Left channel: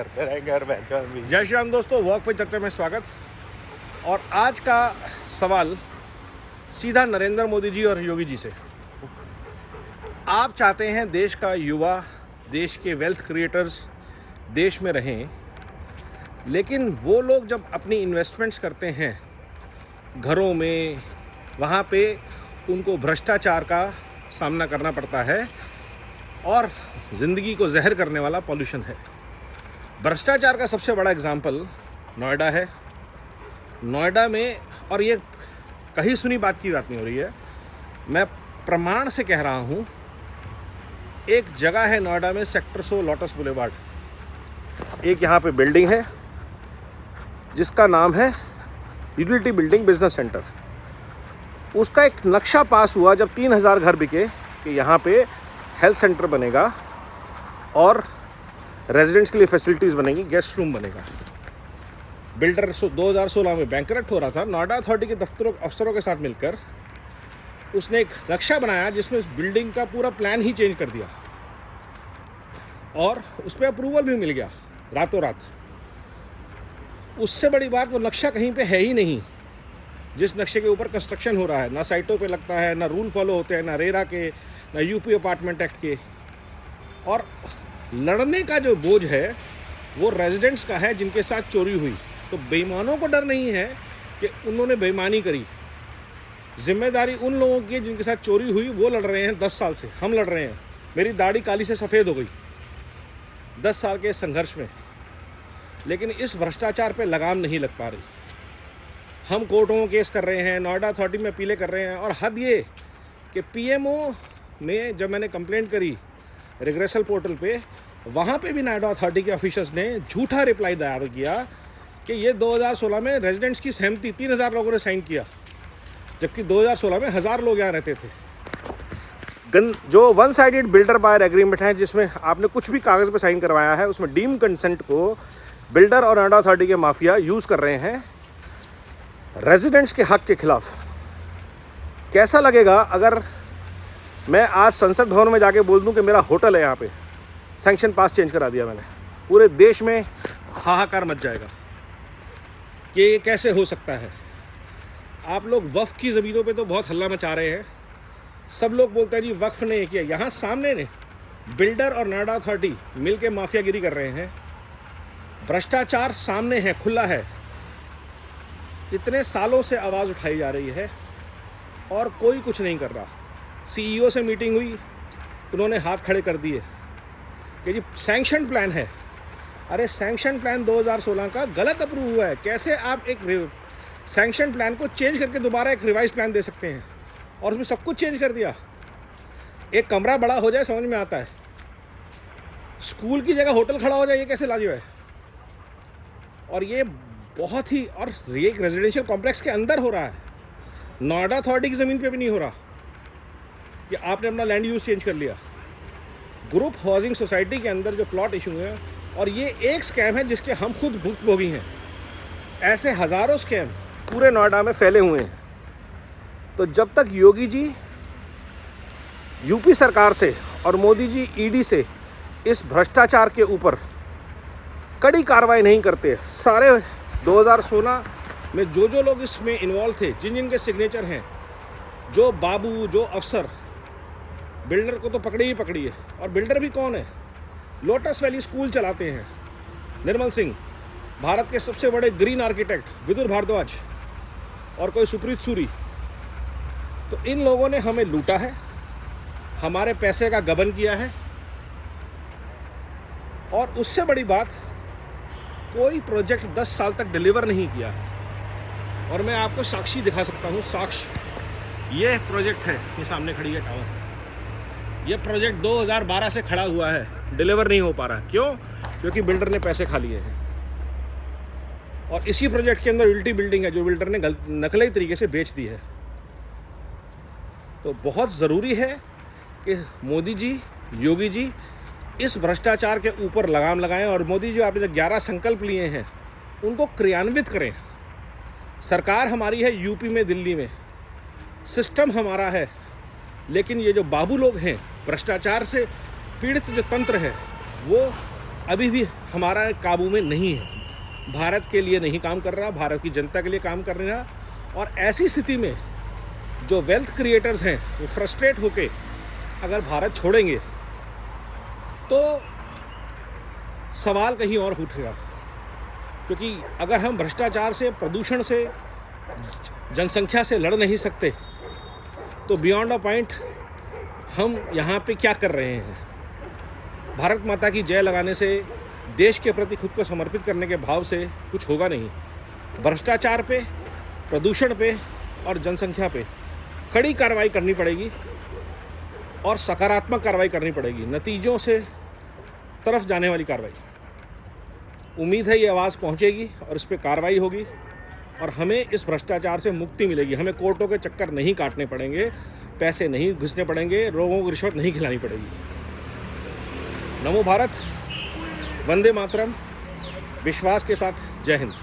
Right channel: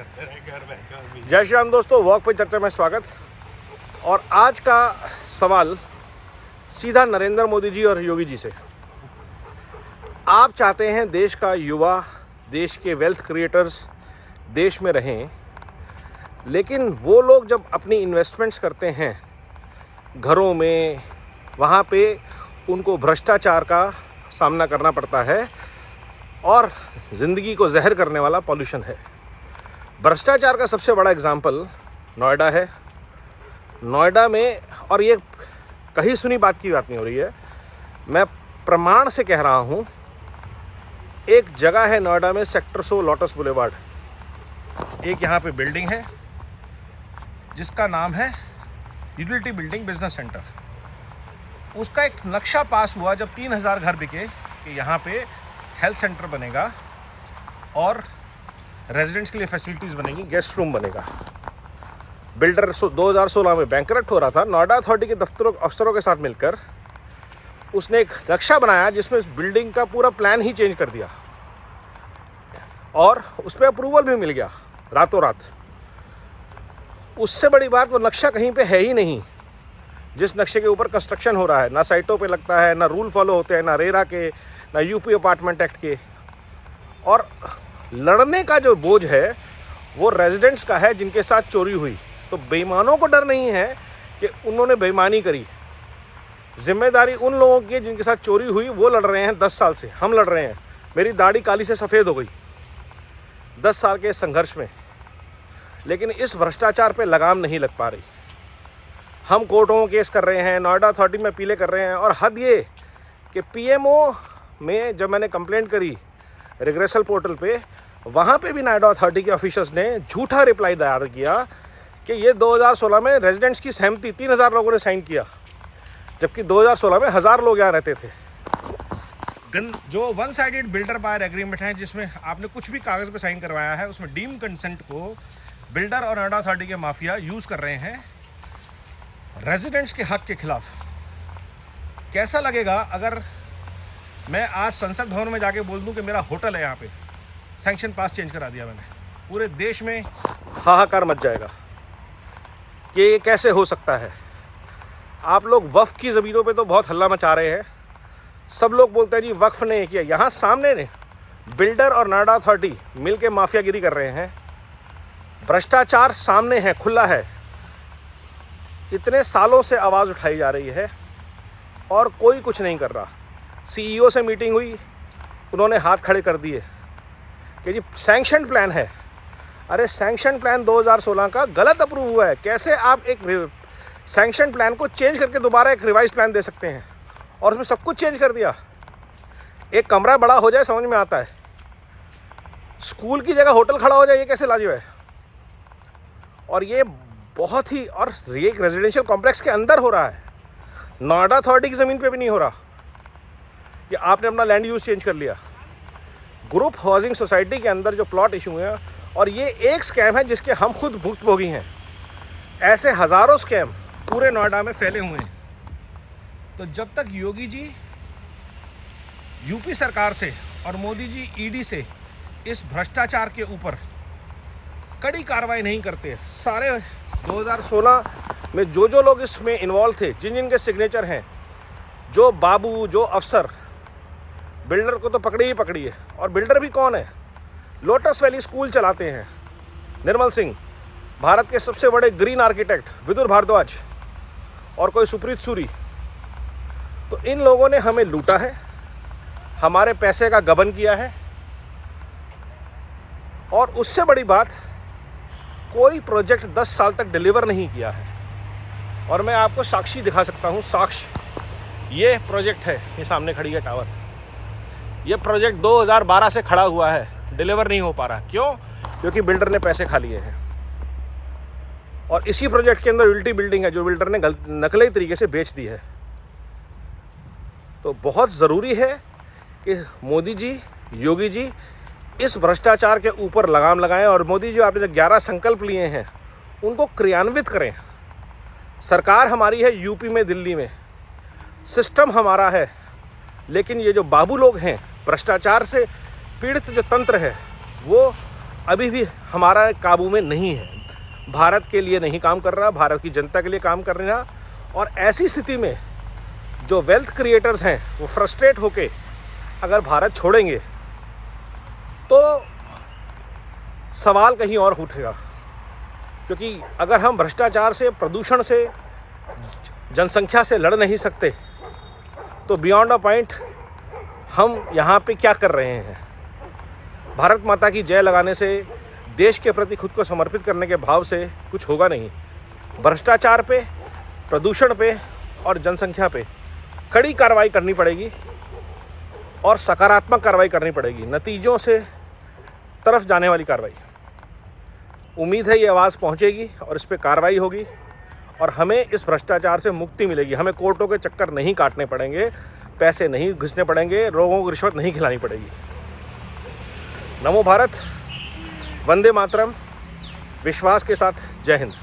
जय श्री राम दोस्तों, वॉक पे चर्चा में स्वागत। और आज का सवाल सीधा नरेंद्र मोदी जी और योगी जी से। आप चाहते हैं देश का युवा, देश के वेल्थ क्रिएटर्स देश में रहें, लेकिन वो लोग जब अपनी इन्वेस्टमेंट्स करते हैं घरों में, वहाँ पे उनको भ्रष्टाचार का सामना करना पड़ता है और ज़िंदगी को जहर करने वाला पॉल्यूशन है। भ्रष्टाचार का सबसे बड़ा एग्जाम्पल नोएडा है। नोएडा में, और ये कहीं सुनी बात की बात नहीं हो रही है, मैं प्रमाण से कह रहा हूँ, एक जगह है नोएडा में सेक्टर 100 लोटस बुलेवार्ड, एक यहाँ पे बिल्डिंग है जिसका नाम है यूटिलिटी बिल्डिंग बिजनेस सेंटर। उसका एक नक्शा पास हुआ जब 3000 घर बिके कि यहाँ पे हेल्थ सेंटर बनेगा और रेजिडेंट्स के लिए फैसिलिटीज़ बनेगी, गेस्ट रूम बनेगा। बिल्डर 2016 में बैंकरप्ट हो रहा था। नोएडा अथॉरिटी के दफ्तरों अफसरों के साथ मिलकर उसने एक नक्शा बनाया जिसमें इस बिल्डिंग का पूरा प्लान ही चेंज कर दिया और उस पर अप्रूवल भी मिल गया रातों रात। उससे बड़ी बात, वो नक्शा कहीं पे है ही नहीं जिस नक्शे के ऊपर कंस्ट्रक्शन हो रहा है। ना साइटों पे लगता है, ना रूल फॉलो होते हैं, ना रेरा के, ना यूपी अपार्टमेंट एक्ट के। और लड़ने का जो बोझ है वो रेजिडेंट्स का है जिनके साथ चोरी हुई। तो बेईमानों को डर नहीं है कि उन्होंने बेईमानी करी, जिम्मेदारी उन लोगों की है जिनके साथ चोरी हुई। वो लड़ रहे हैं 10 साल से, हम लड़ रहे हैं। मेरी दाढ़ी काली से सफ़ेद हो गई 10 साल के संघर्ष में, लेकिन इस भ्रष्टाचार पे लगाम नहीं लग पा रही। हम कोर्टों में केस कर रहे हैं, नोएडा अथॉरिटी में अपीलें कर रहे हैं। और हद ये कि पीएमओ में जब मैंने कंप्लेंट करी रिग्रेसल पोर्टल पे, वहाँ पे भी नोएडा अथॉरिटी के ऑफिसर्स ने झूठा रिप्लाई दायर किया कि ये 2016 में रेजिडेंट्स की सहमति 3000 लोगों ने साइन किया, जबकि 2016 में 1000 लोग यहाँ रहते थे। जो one sided builder buyer agreement है जिसमें आपने कुछ भी कागज़ पे साइन करवाया है, उसमें डीम कंसेंट को बिल्डर और नोएडा अथॉरिटी के माफिया यूज़ कर रहे हैं रेजिडेंट्स के हक के खिलाफ। कैसा लगेगा अगर मैं आज संसद भवन में जाके बोल दूं कि मेरा होटल है यहाँ पे, सैंक्शन पास चेंज करा दिया मैंने। पूरे देश में हाहाकार मच जाएगा कि ये कैसे हो सकता है। आप लोग वक्फ की ज़मीनों पे तो बहुत हल्ला मचा रहे हैं। सब लोग बोलते हैं जी वक्फ ने किया। यहाँ सामने ने बिल्डर और नोएडा अथॉरिटी मिल के माफियागिरी कर रहे हैं। भ्रष्टाचार सामने है, खुला है। इतने सालों से आवाज़ उठाई जा रही है और कोई कुछ नहीं कर रहा। सीईओ से मीटिंग हुई, उन्होंने हाथ खड़े कर दिए कि जी सैंक्शन प्लान है। अरे सैंक्शन प्लान 2016 का गलत अप्रूव हुआ है। कैसे आप एक सैंक्शन प्लान को चेंज करके दोबारा एक रिवाइज प्लान दे सकते हैं? और उसमें सब कुछ चेंज कर दिया। एक कमरा बड़ा हो जाए समझ में आता है, स्कूल की जगह होटल खड़ा हो जाए, ये कैसे लाजवाब है। और ये बहुत ही, और ये एक रेजिडेंशियल कॉम्प्लेक्स के अंदर हो रहा है, नोएडा अथॉरिटी की ज़मीन पे भी नहीं हो रहा। कि आपने अपना लैंड यूज़ चेंज कर लिया। ग्रुप हाउसिंग सोसाइटी के अंदर जो प्लॉट इशू हुए हैं, और ये एक स्कैम है जिसके हम खुद भुक्तभोगी हैं। ऐसे हज़ारों स्कैम पूरे नोएडा में फैले हुए हैं। तो जब तक योगी जी यूपी सरकार से और मोदी जी ईडी से इस भ्रष्टाचार के ऊपर कड़ी कार्रवाई नहीं करते, सारे 2016 में जो लोग इसमें इन्वॉल्व थे, जिन जिनके सिग्नेचर हैं, जो बाबू, जो अफसर, बिल्डर को तो पकड़ी ही पकड़ी है। और बिल्डर भी कौन है? लोटस वैली स्कूल चलाते हैं निर्मल सिंह, भारत के सबसे बड़े ग्रीन आर्किटेक्ट विदुर भारद्वाज, और कोई सुप्रीत सूरी। तो इन लोगों ने हमें लूटा है, हमारे पैसे का गबन किया है। और उससे बड़ी बात, कोई प्रोजेक्ट 10 साल तक डिलीवर नहीं किया है। और मैं आपको साक्षी दिखा सकता हूँ। साक्ष्य ये प्रोजेक्ट है, ये सामने खड़ी है टावर। ये प्रोजेक्ट 2012 से खड़ा हुआ है, डिलीवर नहीं हो पा रहा। क्यों? क्योंकि बिल्डर ने पैसे खा लिए हैं। और इसी प्रोजेक्ट के अंदर यूटिलिटी बिल्डिंग है जो बिल्डर ने नकली तरीके से बेच दी है। तो बहुत ज़रूरी है कि मोदी जी, योगी जी इस भ्रष्टाचार के ऊपर लगाम लगाएं। और मोदी जी, आपने जो 11 संकल्प लिए हैं उनको क्रियान्वित करें। सरकार हमारी है यूपी में, दिल्ली में, सिस्टम हमारा है, लेकिन ये जो बाबू लोग हैं, भ्रष्टाचार से पीड़ित जो तंत्र है, वो अभी भी हमारा काबू में नहीं है। भारत के लिए नहीं काम कर रहा, भारत की जनता के लिए काम कर रहा। और ऐसी स्थिति में जो वेल्थ क्रिएटर्स हैं वो फ्रस्ट्रेट होके अगर भारत छोड़ेंगे तो सवाल कहीं और उठेगा। क्योंकि अगर हम भ्रष्टाचार से, प्रदूषण से, जनसंख्या से लड़ नहीं सकते तो बियॉन्ड अ पॉइंट हम यहाँ पे क्या कर रहे हैं। भारत माता की जय लगाने से, देश के प्रति खुद को समर्पित करने के भाव से कुछ होगा नहीं। भ्रष्टाचार पे, प्रदूषण पे और जनसंख्या पे कड़ी कार्रवाई करनी पड़ेगी और सकारात्मक कार्रवाई करनी पड़ेगी, नतीजों से तरफ जाने वाली कार्रवाई। उम्मीद है ये आवाज़ पहुंचेगी और इस पर कार्रवाई होगी और हमें इस भ्रष्टाचार से मुक्ति मिलेगी। हमें कोर्टों के चक्कर नहीं काटने पड़ेंगे, पैसे नहीं घिसने पड़ेंगे, लोगों को रिश्वत नहीं खिलानी पड़ेगी। नमो भारत, वंदे मातरम, विश्वास के साथ जय हिंद।